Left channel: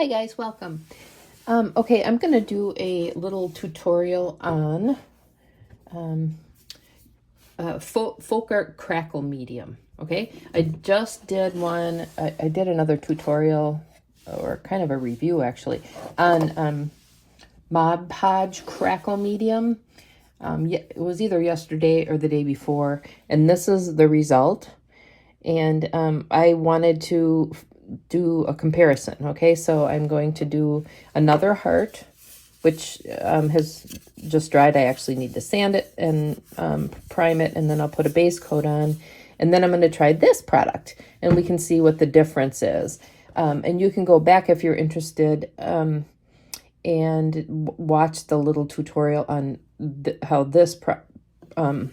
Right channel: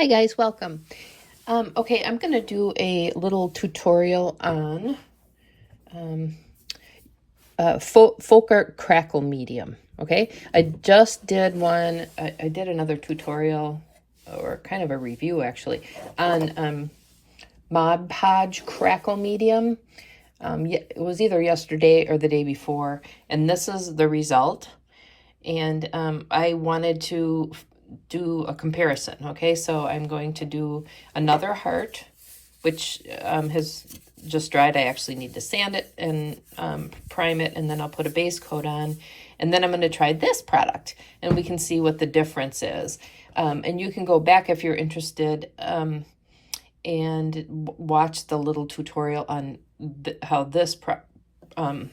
Hi guys, welcome. Okay, I'm going to do a little tutorial on Folk Art Crackle Medium. Okay, I just did one, I did another tutorial, or kind of a review actually, on Mod Podge Crackle Medium. It was either yesterday or the day before, and this is the result. And I wanted to do a comparison. Okay, so I'm going to do another heart, which has just dried. I actually need to sand it and prime it, and then I'll put a base coat on. And then I'm going to try this product, and we can see what the difference is. And you can go back if you're interested and watch the little tutorial on how this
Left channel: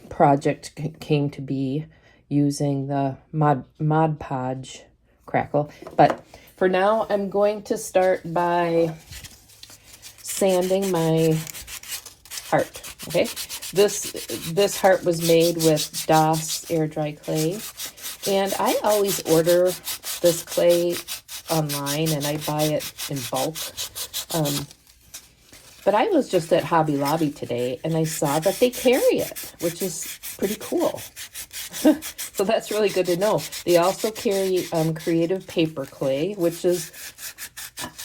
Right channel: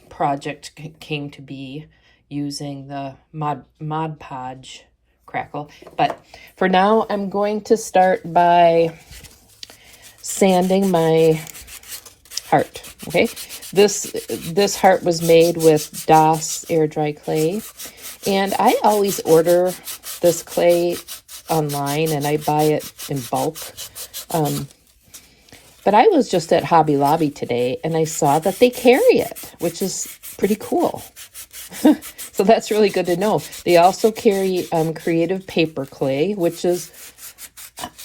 project came to be using the Mod Podge Crackle. But for now, I'm going to start by sanding my heart. Okay, this heart was made with DOS air dry clay, and I always order this clay online, and I buy it in bulk. But I was just at Hobby Lobby today, and I saw that they carry it, which is pretty cool. So that's really good to know. They also carry creative paper clay, which is,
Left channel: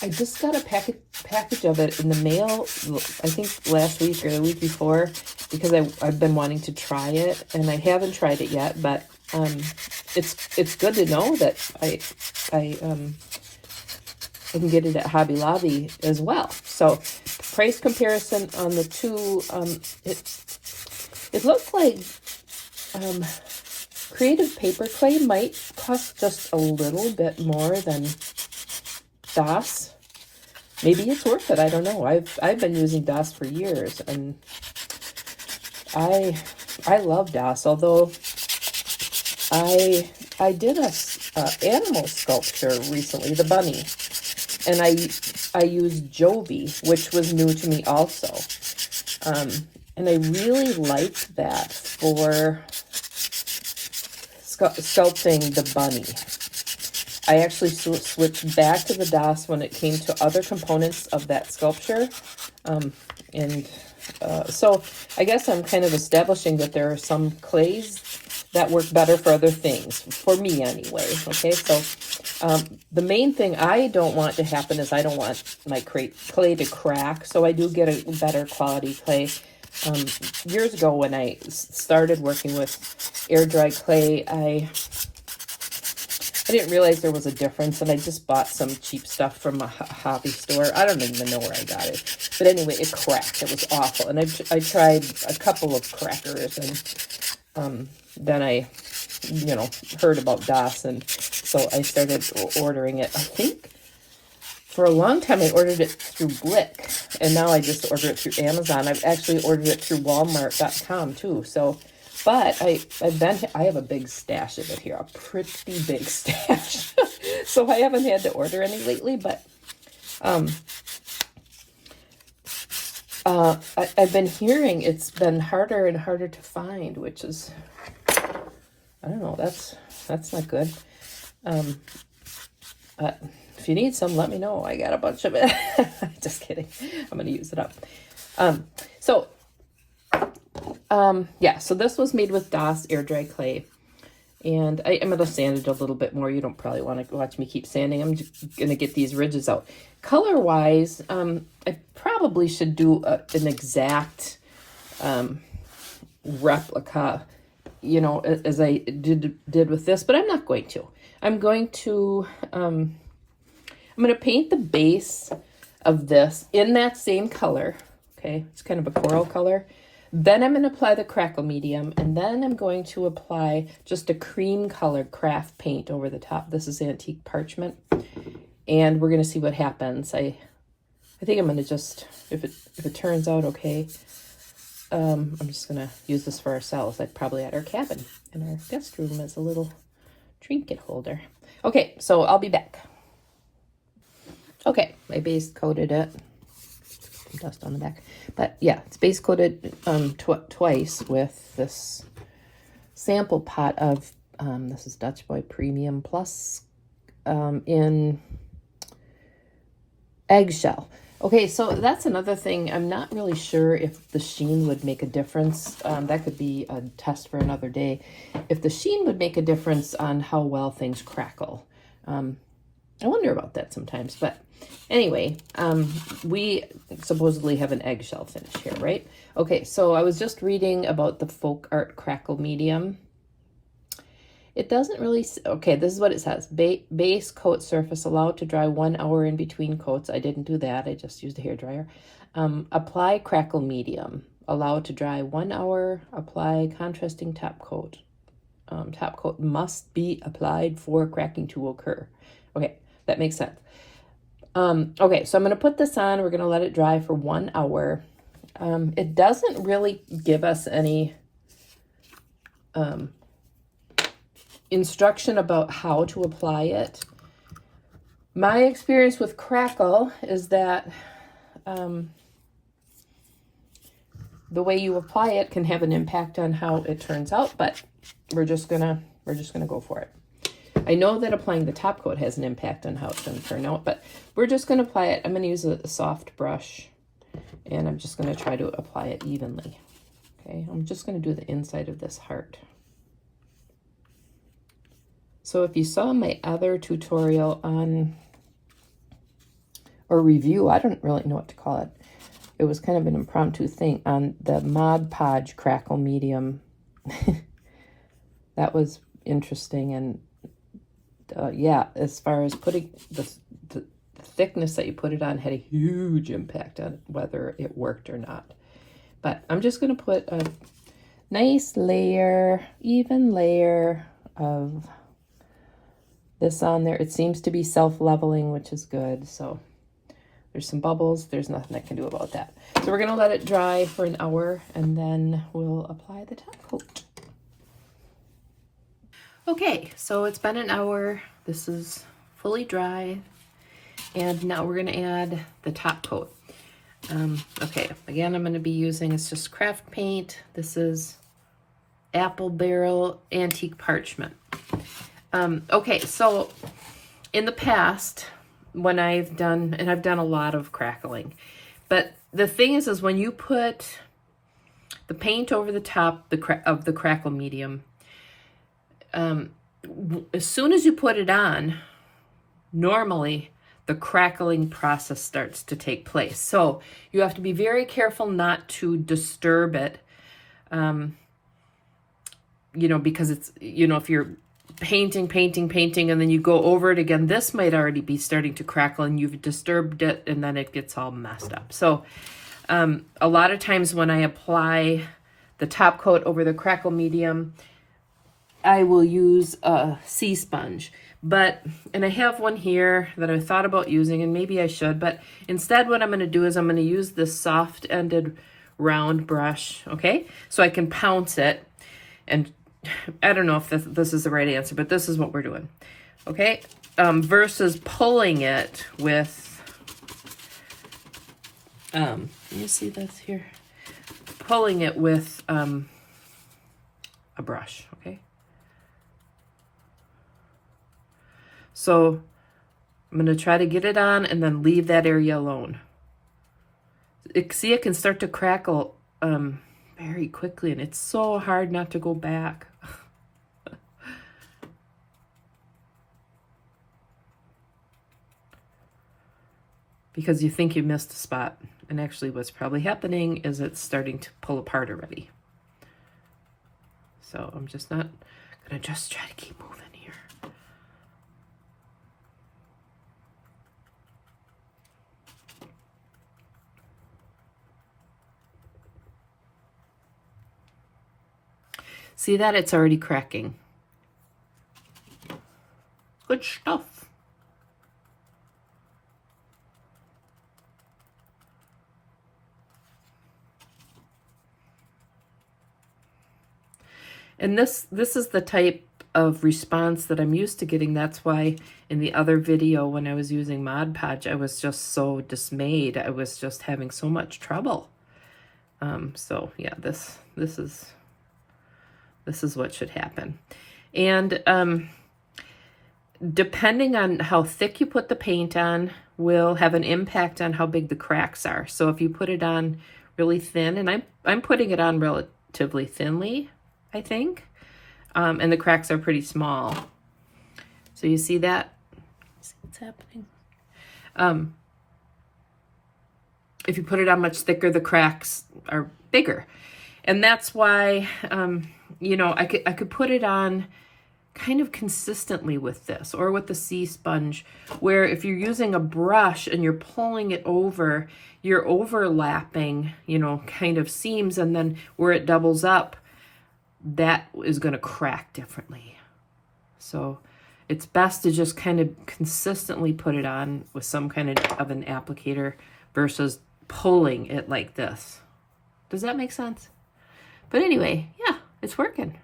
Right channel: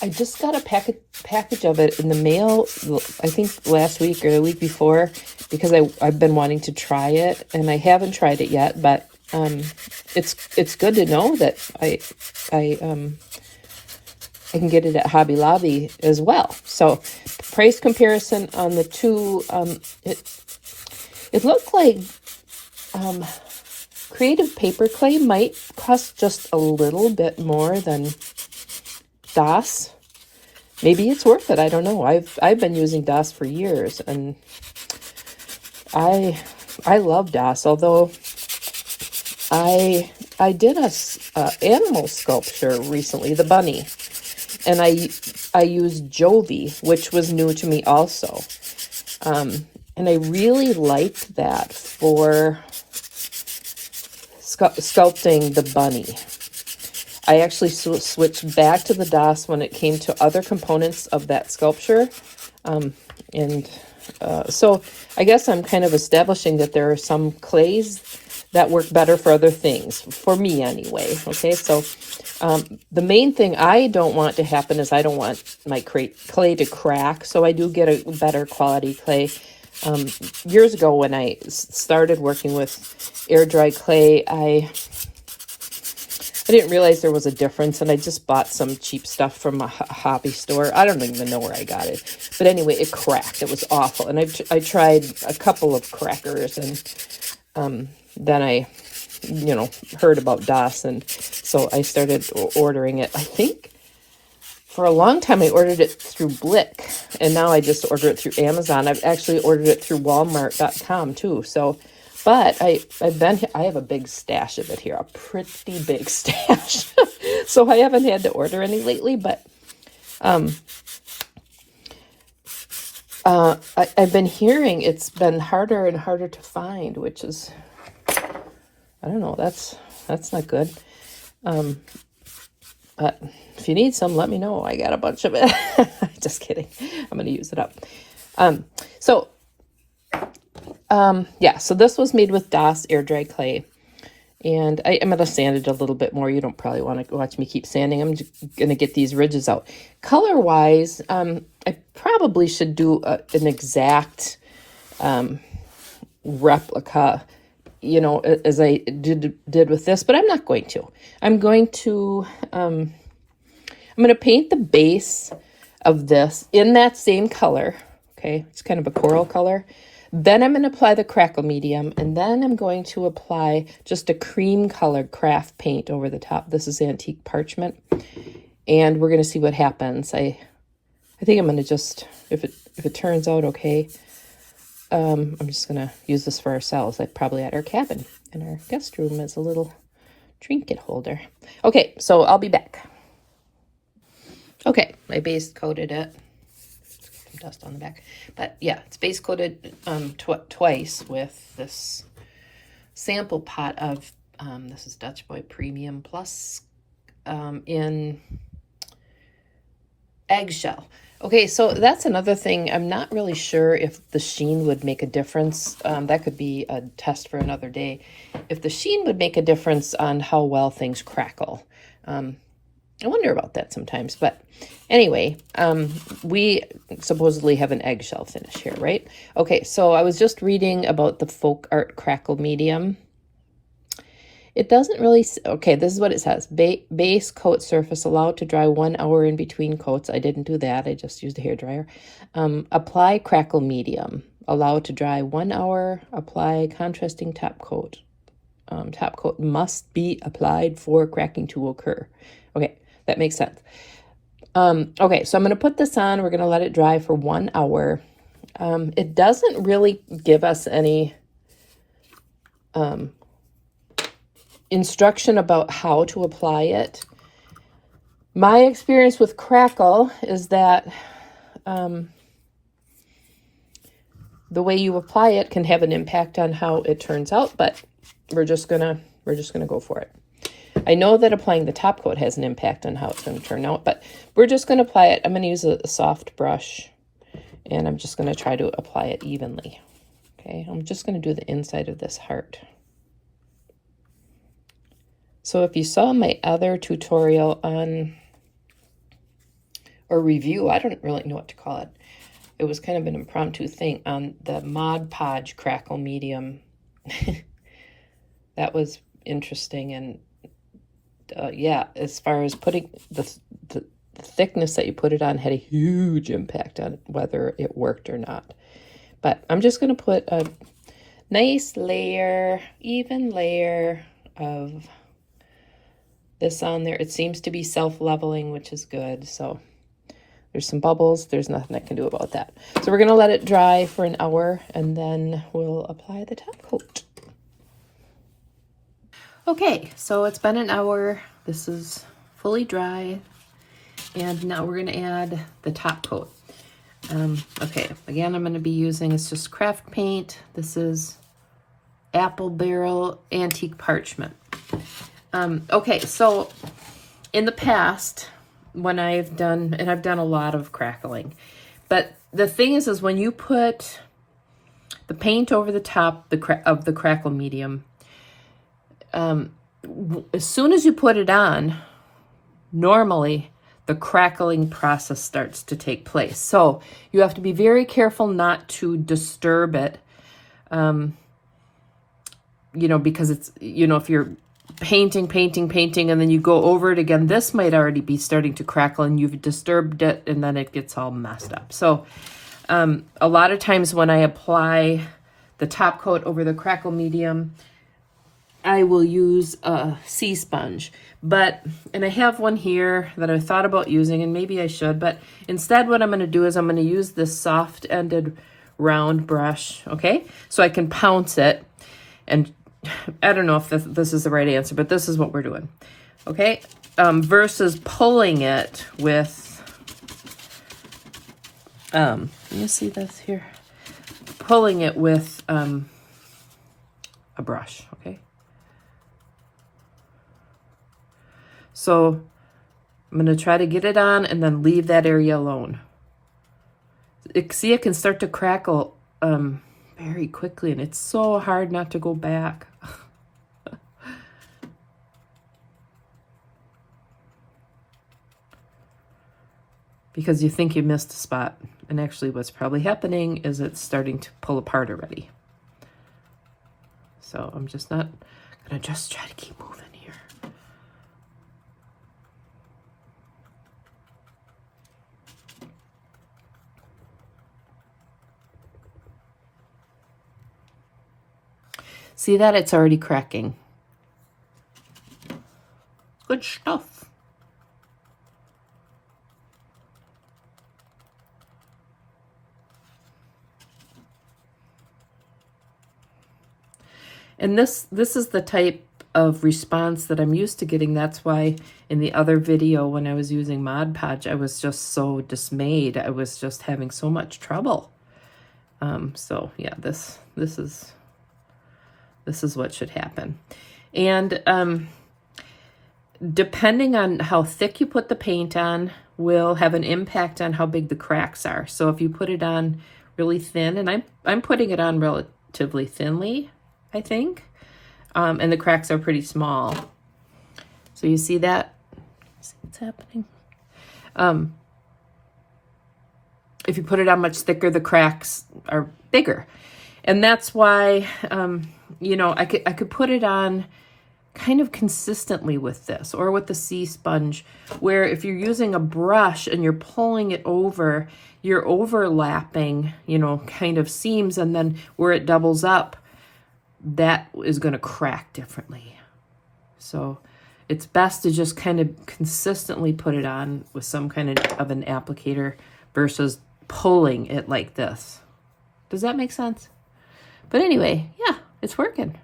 I just got a package of it in the mail, I think last week or the week before, because I've been wanting to try it, and I haven't tried it yet, but it's good to know that I can get it at Hobby Lobby as well. So price comparison on the two, it looked like creative paper clay might cost just a little bit more than DOS. Maybe it's worth it. I don't know. I've been using DOS for years, and I love DOS. Although I did a animal sculpture recently, the bunny, and I used Jovi, which was new to me also, and I really liked that for sculpting the bunny. I actually switched back to the DOS when it came to other components of that sculpture. So I guess I'm kind of establishing that there are some clays that work better for other things, for me anyway. Okay, so the main thing I don't want to happen is I don't want my clay to crack, so I do get a better quality clay. Years ago when I started working with air dry clay, I didn't realize there was a difference, and I just bought some cheap stuff from a hobby store. I don't even know where I got it, but anyway, it cracked. It was awful, and I tried a couple of crackers, and then I heard about DOS, and so I started ordering it. I think for a long time I ordered it through Blick, and now I just order it through Amazon. I've actually ordered it through Walmart.com too. So, but I have a big stash of it here, a pretty big stash. So I haven't had to order any lately, but I've been hearing it's been harder and harder to find, which is, I don't know, that's not good. But if you need some, let me know. I got a bunch of it. Just kidding. I'm going to use it up. Yeah, so this was made with DOS air dry clay. And I'm going to sand it a little bit more. You don't probably want to watch me keep sanding. I'm just going to get these ridges out. Color-wise, I probably should do an exact replica, as I did with this, but I'm not going to. I'm going to paint the base of this in that same color. Okay, it's kind of a coral color. Then I'm going to apply the crackle medium, and then I'm going to apply just a cream colored craft paint over the top. This is antique parchment, and we're going to see what happens. I think I'm going to just, if it turns out okay, I'm just going to use this for ourselves, like probably at our cabin in our guest room as a little trinket holder. Okay, so I'll be back. Okay, I base coated it. Some dust on the back. But yeah, it's base coated twice with this sample pot of, this is Dutch Boy Premium Plus in Eggshell. Okay, so that's another thing. I'm not really sure if the sheen would make a difference. That could be a test for another day. If the sheen would make a difference on how well things crackle. I wonder about that sometimes. But anyway, we supposedly have an eggshell finish here, right? Okay, so I was just reading about the Folk Art Crackle Medium. It doesn't really, okay, this is what it says. Base coat surface allowed to dry 1 hour in between coats. I didn't do that. I just used a hairdryer. Apply crackle medium. Allowed to dry 1 hour. Apply contrasting top coat. Top coat must be applied for cracking to occur. Okay, that makes sense. Okay, so I'm going to put this on. We're going to let it dry for 1 hour. It doesn't really give us any instruction about how to apply it. My experience with crackle is that the way you apply it can have an impact on how it turns out, but we're just gonna go for it. I know that applying the top coat has an impact on how it's going to turn out, but we're just going to apply it. I'm going to use a soft brush, and I'm just going to try to apply it evenly. Okay, I'm just going to do the inside of this heart. So if you saw my other tutorial on, or review, I don't really know what to call it. It was kind of an impromptu thing on the Mod Podge Crackle Medium. That was interesting. And yeah, as far as putting the thickness that you put it on had a huge impact on whether it worked or not. But I'm just going to put a nice layer, even layer of this on there. It seems to be self-leveling, which is good. So there's some bubbles. There's nothing I can do about that. So we're going to let it dry for an hour, and then we'll apply the top coat. Okay, so it's been an hour. This is fully dry. And now we're going to add the top coat. Okay, again, I'm going to be using, it's just craft paint. This is Apple Barrel Antique Parchment. Okay, so in the past, when I've done, and I've done a lot of crackling, but the thing is when you put the paint over the top of the crackle medium, as soon as you put it on, normally the crackling process starts to take place. So you have to be very careful not to disturb it, you know, because it's, you know, if you're painting, and then you go over it again, this might already be starting to crackle and you've disturbed it, and then it gets all messed up. So a lot of times when I apply the top coat over the crackle medium, I will use a sea sponge. And I have one here that I thought about using, and maybe I should, but instead what I'm going to do is I'm going to use this soft-ended round brush, okay? So I can pounce it, and I don't know if this is the right answer, but this is what we're doing, okay? Versus pulling it with, you see this here? Pulling it with a brush, okay? So I'm going to try to get it on and then leave that area alone. See, it can start to crackle very quickly, and it's so hard not to go back. Because you think you missed a spot, and actually what's probably happening is it's starting to pull apart already. So I'm just not going to just try to keep moving here. See that? It's already cracking. Good stuff. And this is the type of response that I'm used to getting. That's why in the other video when I was using Mod Podge, I was just so dismayed. I was just having so much trouble. So yeah, this is what should happen. And depending on how thick you put the paint on, will have an impact on how big the cracks are. So if you put it on really thin, and I'm putting it on relatively thinly, I think, and the cracks are pretty small. So you see that? See what's happening? If you put it on much thicker, the cracks are bigger. And that's why, you know, I could put it on kind of consistently with this, or with the sea sponge, where if you're using a brush and you're pulling it over, you're overlapping, you know, kind of seams, and then where it doubles up, that is going to crack differently. So it's best to just kind of consistently put it on with some kind of an applicator versus pulling it like this. Does that make sense? But anyway, yeah, it's working.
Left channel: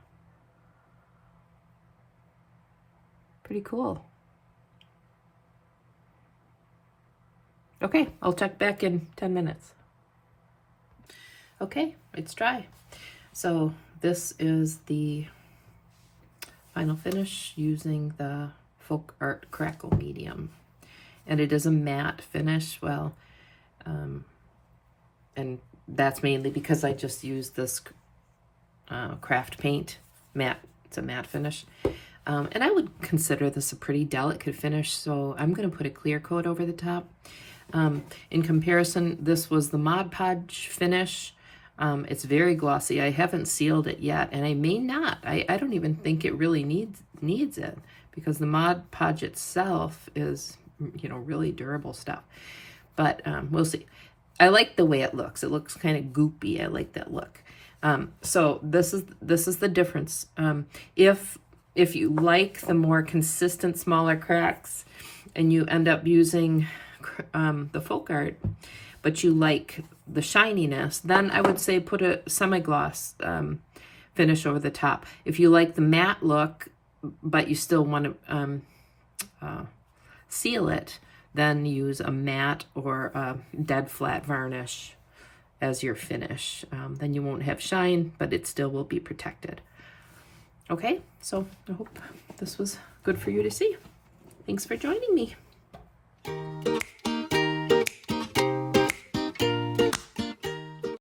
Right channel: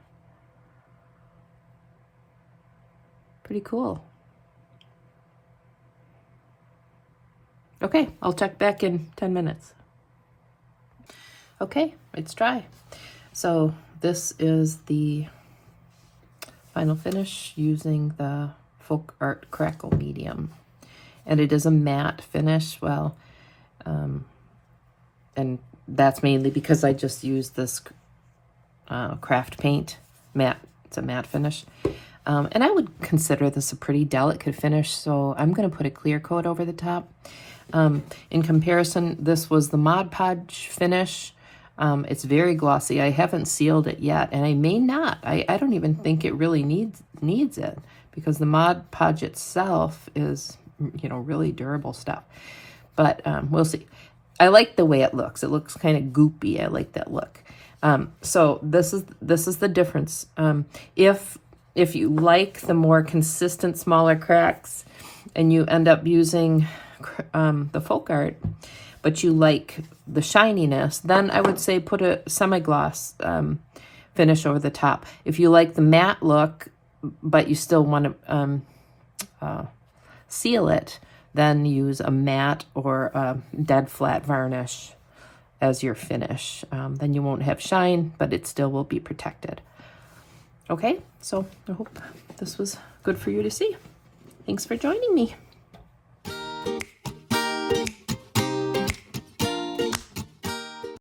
Pretty cool. Okay, I'll check back in 10 minutes. Okay, it's dry. So this is the final finish using the Folk Art Crackle Medium. And it is a matte finish. Well, and that's mainly because I just used this craft paint matte. It's a matte finish. And I would consider this a pretty delicate finish, so I'm going to put a clear coat over the top. In comparison, this was the Mod Podge finish. It's very glossy. I haven't sealed it yet, and I may not. I don't even think it really needs it, because the Mod Podge itself is, you know, really durable stuff. But we'll see. I like the way it looks. It looks kind of goopy. I like that look. So this is the difference. If you like the more consistent, smaller cracks, and you end up using the folk art, but you like the shininess, then I would say put a semi-gloss finish over the top. If you like the matte look, but you still want to seal it, then use a matte or a dead flat varnish as your finish. Then you won't have shine, but it still will be protected. Okay, so I hope this was good for you to see. Thanks for joining me.